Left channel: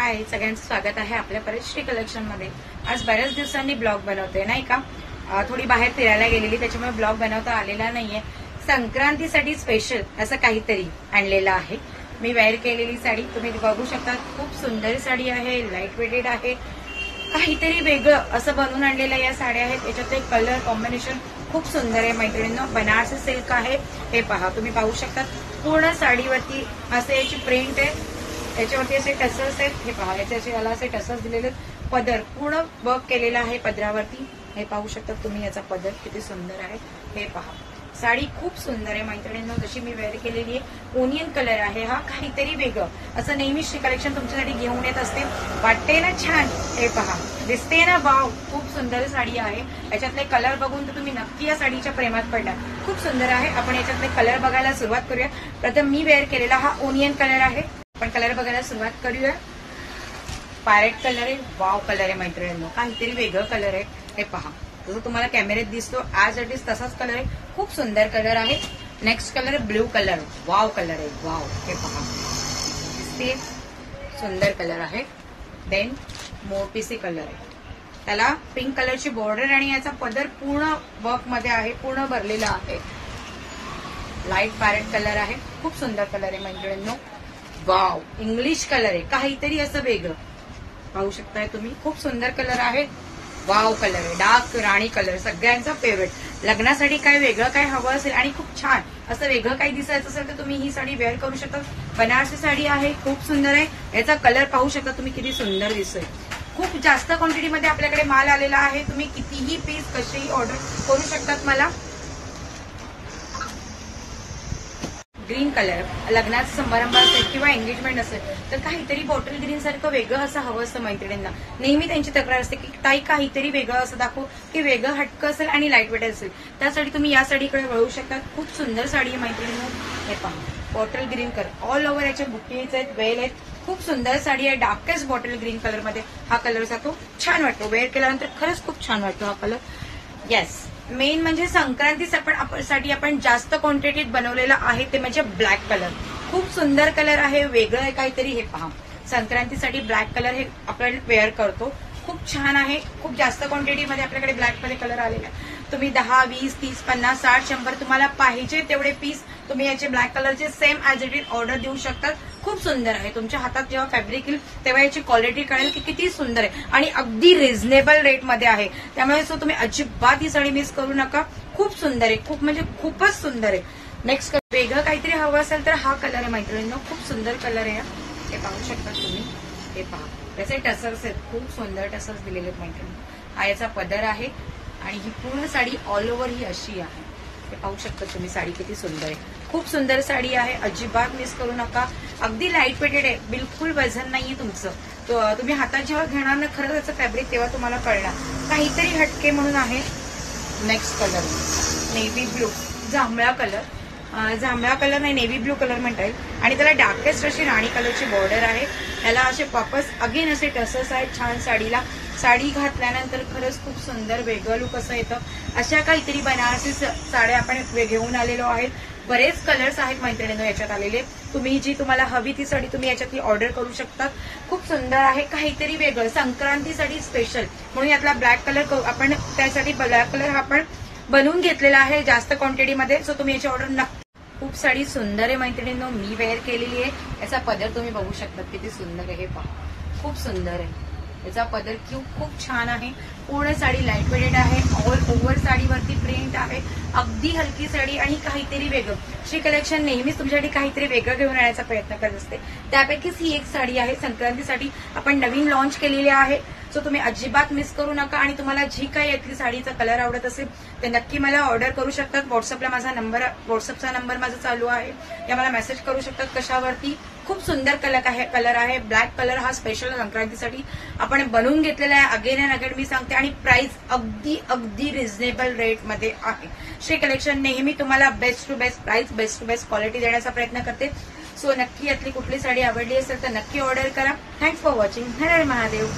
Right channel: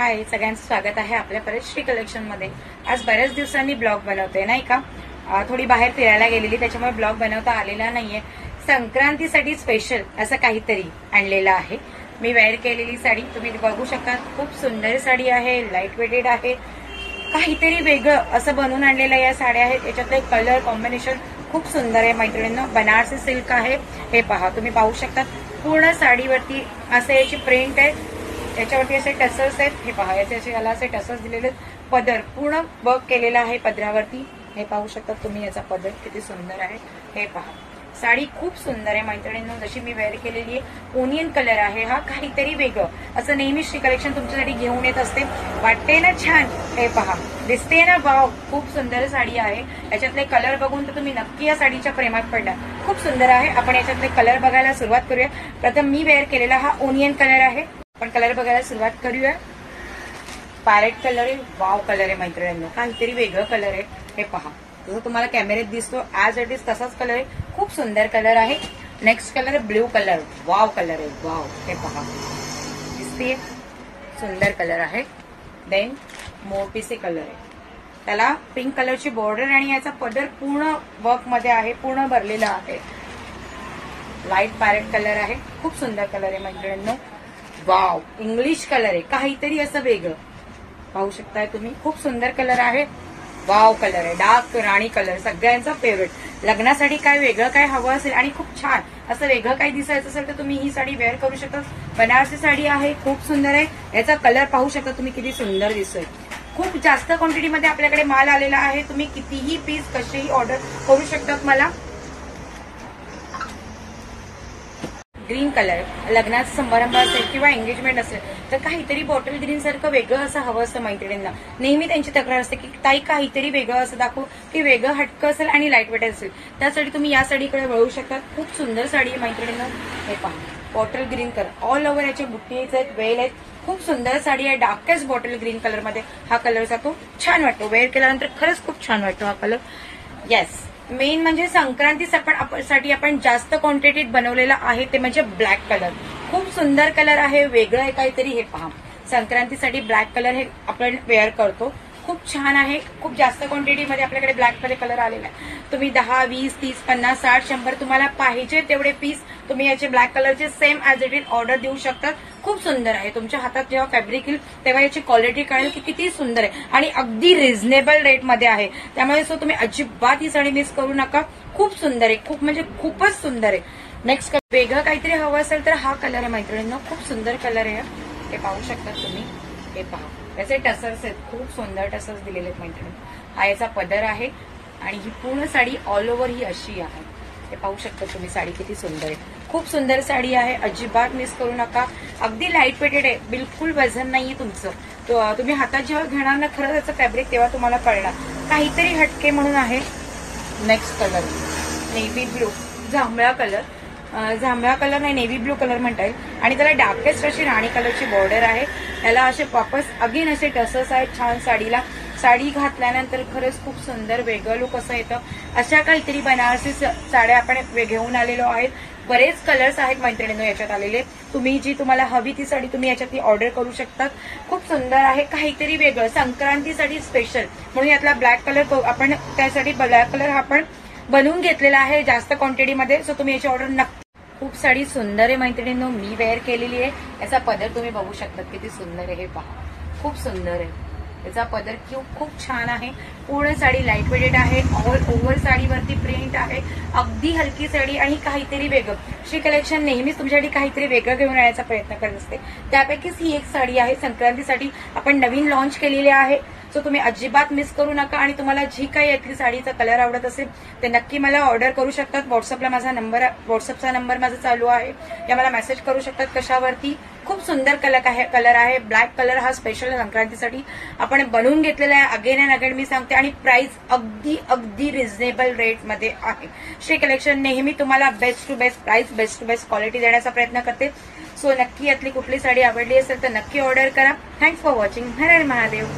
हाय, सगळ्यांचं स्वागत आहे आपल्या परत श्री कलेक्शन मध्ये। आज बऱ्याच दिवसांनी ब्लॉग बनवते नाही का। थोडी बाहेर फिरायला गेलेली, त्याच्यामुळे ब्लॉग बनवता आलेला नाहीये। संक्रांतीसाठी स्पेशल असं काहीतरी आणलेलं आहे। मी वेअर केलेली साडी तुम्ही बघू शकता, खूप सुंदर साडी आहे, लाईट वेटेड आहे, काहीतरी वेगळं असं बनवून आणलेलं या साड्या आहेत। याच्यातले कलर कॉम्बिनेशन खूप सुंदर आहे मैत्रिणींनो। बनारसी सिल्क आहे, हे पहा, तुम्ही पाहू शकता पूर्ण साडीवरती असे याची प्रिंट आहे, याच्यावरती असे टसल्स आहेत, हे पहा, याला असे टसल्स दिलेले आहेत। पदर पूर्ण वर्क केलेला आहे पदरावरती, हे पाहू शकता तुम्ही, याचा पदर किती सुंदर आहे, हे पहा। साडी खूप सुंदर आहे मैत्रिणींनो, जशी मी वेअर केलेली आहे। ओनियन कलर आहे हा, काहीतरी वेगळं असं नेहमी श्री कलेक्शन तुमच्यासाठी घेऊन येत असते। वाटते ना छान, हे पहा, दिसते ना, भाव, खूप सुंदर साडी आहे। याच्यातले कलर बघून तर तुम्ही नक्की या साडीच्या प्रेमात पडला, खूप सुंदर आहे। आपण याच्यातले कलर बघायला सुरुवात करूया। प्रथम मी वेअर केलेला हा ओनियन कलर आहे, आपण कलर बघायला सुरुवात करूया। पॅरेट कलर आहे, वाव कलर आहे मैत्रिणींनो, काहीतरी वेगळं कलर आहे, हे पहा, जसं तुम्हाला कॅमेऱ्यात दिसतो ऍज इट इज तसाच कलर आहे, खूप सुंदर कलर आहे। नेक्स्ट कलर आहे ब्ल्यू कलर, वाव कलर आहे, वाव, हे पहा, दिसते, सुंदर कलर आहे। देन मोरपीसी कलर आहे, त्याला पिंक कलरची बॉर्डर आणि याचा पदर पूर्ण वर्क मध्ये आहे, पूर्ण भरलेला आहे। लाईट पॅरेट कलर आहे, खूप सुंदर कलर आहे मैत्रिणींनो, वाव, इंग्लिश कलर आहे, काहीतरी असं वेगळं, पाहू शकताय तुम्ही, खूप सुंदर कलर आहे। वाव कलर आहे, डार्क राणी कलर, सगळ्यांचा फेवरेट। लग्नासाठी काय वेगळं काय हवं असेल आणि खूप छान असं वेगळं काही दिसायचं असेल तर तुम्ही ही साडी वेअर करू शकता। बनारसी साडी आहे, खूप सुंदर आहे, याचा कलर पाहू शकता तुम्ही, किती सुंदर दिसेल। खूप जास्त क्वांटिटीमध्ये आपल्याकडे माल आलेला आहे, तुम्ही कितीही पीस कशीही ऑर्डर करू शकतात मला। ग्रीन कलर, लग्नाचा समारंभ असेल किंवा एंगेजमेंट असेल तर काहीतरी बॉटल ग्रीन सारखं वेगळं असं हवं असतं मैत्रिणींना। नेहमी त्यांची तक्रार असते की ताई काहीतरी वेगळं असं दाखवू, की वेगळं हटकं असेल आणि लाईट वेट असेल, त्यासाठी तुम्ही या साडीकडे वळू शकता। खूप सुंदर साडी आहे मैत्रिणींना, हे पहा, bottle green colour, all over याचे बुट्टीज आहेत, वेल आहेत, खूप सुंदर साडी आहे। डार्केस्ट बॉटल ग्रीन कलर मध्ये हा कलर जातो, छान वाटतो वेअर केल्यानंतर, खरंच खूप छान वाटतो हा कलर। येस, मेन म्हणजे संक्रांतीसाठी आपण जास्त क्वांटिटीत बनवलेला आहे ते म्हणजे ब्लॅक कलर, खूप सुंदर कलर आहे, वेगळं आहे काहीतरी, हे पहा, संक्रांतीसाठी ब्लॅक कलर हे आपण वेअर करतो, खूप छान आहे। खूप जास्त क्वांटिटीमध्ये आपल्याकडे ब्लॅक मध्ये कलर आलेला आहे, तुम्ही 10, 20, 30, 50, 60, 100 तुम्हाला पाहिजे तेवढे पीस तुम्ही याचे ब्लॅक कलरचे same as it is order देऊ शकतात। खूप सुंदर आहे, तुमच्या हातात जेव्हा फॅब्रिक येईल तेव्हा याची क्वालिटी कळेल की किती सुंदर आहे, आणि अगदी रिझनेबल रेटमध्ये आहे, त्यामुळे सो तुम्ही अजिबात ही साडी मिस करू नका। खूप सुंदर आहे, खूप म्हणजे खूपच सुंदर आहे। नेक्स्ट वेगळं काहीतरी हवं असेल तर हा कलर आहे मैत्रिणींनो, खूप सुंदर कलर आहे, हे पाहू शकता तुम्ही, हे पहा, त्याचे टसल्स आहेत, खूप सुंदर टसल्स दिलेले आहेत मैत्रिणी। हा याचा पदर आहे आणि ही पूर्ण साडी ऑल ओव्हर ही अशी आहे, हे पाहू शकता तुम्ही, साडी किती सुंदर आहे, खूप सुंदर साडी आहे, अजिबात मिस करू नका। अगदी लाईट वेटेड आहे, बिलकुल वजन नाहीये तुमचं, तुम्ही हातात जेव्हा घेणार ना खरं त्याचं फॅब्रिक तेव्हा तुम्हाला कळणार, काहीतरी हटके म्हणून आहे। नेक्स्ट कलर नेव्ही ब्लू, जांभळा कलर नाही, नेव्ही ब्लू कलर म्हणता येईल, आणि त्याला डार्केस्ट अशी राणी कलरची बॉर्डर आहे, त्याला असे वापस अगेन असे टसल्स आहेत छान साडीला। साडी घातल्यानंतर खरंच खूप सुंदर वेगळं लुक असं येतं। अशा काहीतरी बनारसी साड्या आपण घेऊन आलेलो आहेत, बरेच कलर्स आहेत मैत्रिणींनो याच्यात आलेले, तुम्ही जी तुम्हाला हवी ती साडी तुम्ही याच्यातली ऑर्डर करू शकतात। खूप सुंदर आहे, काहीतरी वेगळं संक्रांतीसाठी स्पेशल म्हणून यातला ब्लॅक कलर आपण त्यासाठी ब्लॅक कलर आपण बनवून घेतलेला आहे जास्त क्वांटिटीमध्ये, सो तुम्ही याची ऑर्डर नक्की। खूप साडी सुंदर आहे मैत्रिणींनो, मी वेअर केलेली आहे, याचा पदर तुम्ही बघू शकता किती सुंदर आहे, हे पहा, खूप सुंदर आहे, याचा पदर खूप छान आहे। पूर्ण साडी लाईट वेटेड आहे, ऑल ओव्हर साडीवरती प्रिंट आहे, अगदी हलकी साडी आणि काहीतरी वेगळं। श्री कलेक्शन नेहमीच तुमच्यासाठी काहीतरी वेगळं घेऊन येण्याचा प्रयत्न करत असते, त्यापैकीच ही एक साडी आहे, संक्रांतीसाठी आपण नवीन लॉन्च केलेली आहे, सो तुम्ही अजिबात मिस करू नका। आणि तुम्हाला जी काही यातली साडीचा कलर आवडत असेल ते नक्की मला ऑर्डर करू शकतात। व्हॉट्सअपचा नंबर माझा चालू आहे, त्या मला मेसेज करू शकतात कशावरती। खूप सुंदर कलर आहे, ब्लॅक कलर हा स्पेशल संक्रांतीसाठी आपण बनवून घेतलेला आहे, अगेन अँड अगेन मी सांगते, आणि प्राइस अगदी रिझनेबल रेटमध्ये आहे। श्री कलेक्शन नेहमी तुम्हाला best to best price, best to best quality देण्याचा प्रयत्न करते, सो नक्की यातली कुठली साडी आवडली असेल तर नक्की ऑर्डर करा। Thanks for watching, her her Mahadev.